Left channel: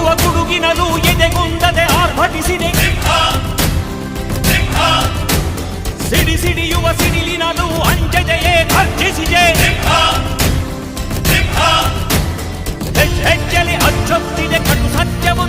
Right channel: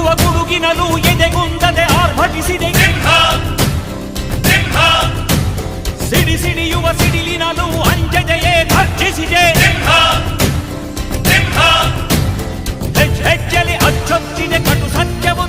ನಡುಗುವ ಗುಡುಗಿನಲು ಎದೆಗುಂದದೆ ಆರ್ಭಟಿಸಿದೆ. ಸಿಡಿ ಸಿಡಿಯುವ ಸಿಡಿಲಿನಲು ಅಂಜದೆಯೇ ಗರ್ಜಿಸಿದೆ. ಹೆಜ್ಜೆಲಿ ಅಚ್ಚೊತ್ತಿದೆ ಕಟು ಸತ್ಯವು